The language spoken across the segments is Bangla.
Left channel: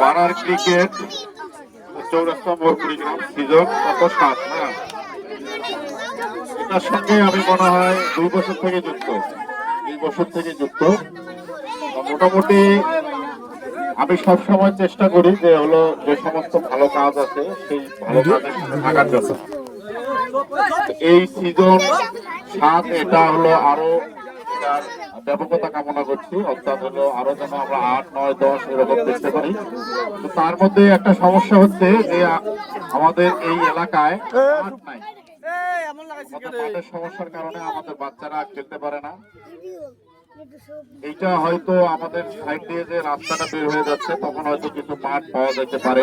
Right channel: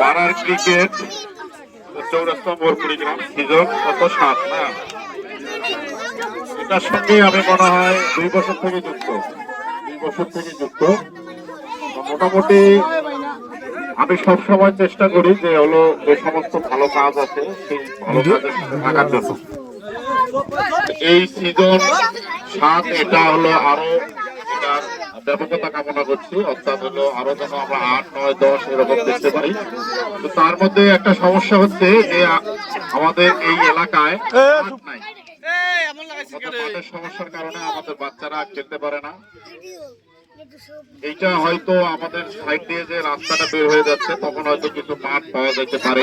পাড়ার ক্রিকেট চৌরাস্তা মোড় কুড়িগ্রাম সিজন কত 7 না, এটার সঙ্গে আমি মনে হয় 2 বছর থেকে যুক্ত। মোটামুটি আমি সবসময় চেষ্টা করি যে হলো যে সমস্ত ভালো কাজ আছে সেই ভালো কাজের সাথে থাকার জন্য। এই সিজন 7 এটা হলো আরো এটার ব্যাপকতা কামনা করছি, অর্থাৎ হলো আরো যেন আমরা 8, 9, 10 এরকম দেখতে পারি। তো তার মধ্যে একটা সমস্যা হচ্ছে যে আমাদের এই এলাকায় মাঠ নাই। মাঠের সমস্যার কারণে আমাদের বাচ্চারা খেলতে পারে না। এইটা হয়তো আমাদের সাইড দিয়ে যে রাস্তাটা বের হয়ে যাচ্ছে তখন হয়তো কিছু মাঠ পাওয়া যেতে পারে,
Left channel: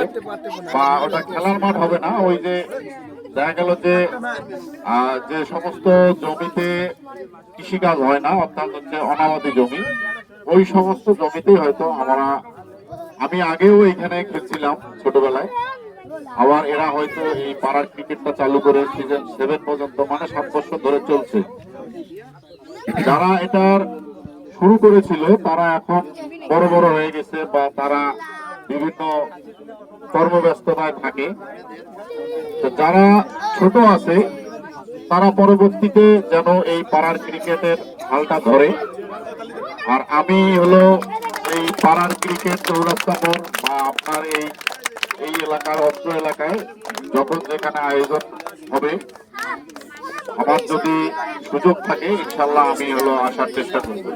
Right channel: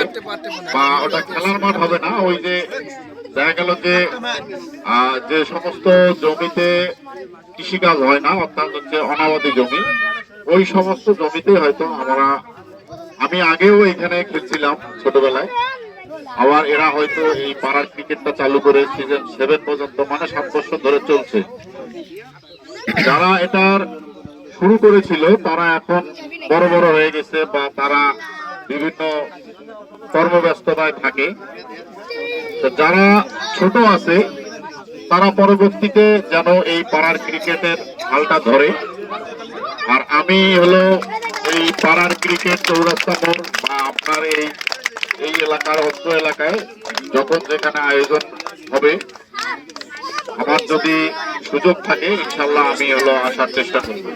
বা ওটা খেলার মাঠ হবে না। ওই যে দেখা গেল যে যে সমস্ত জমিতে কৃষিকাজ হয় না, অর্থাৎ হচ্ছে অনাবাদি জমি, ওই সমস্ত জমিতে হয়তো আমি আগেও এখানে খেলছিলাম ছোটবেলায়। আবার এরা হয়তো এই পাড়ার ক্রিকেটটা চালু করে সিজন 7 পর্যন্ত, মানে 7 বছর ধরে চলছে। যারা এটার শুরু করেছিল তারা এখন বড় বড় হয়ে গেছে, বা তারা বিভিন্ন কর্মব্যস্ততায় থাকে। যারা ছোট আছে তারা পরবর্তীতে যেন এই পাড়ার ক্রিকেটের হালটা ধরে। আর আমি হলো এই পাড়ার ক্রিকেট চৌরাস্তা মোড় বা আপনার এই এলাকার অত্র এলাকায় যখন যেখানে আয়োজন হবে, আমার যদি সুযোগ থাকে ইনশাল্লাহ আমি হলো আসার চেষ্টা করবো।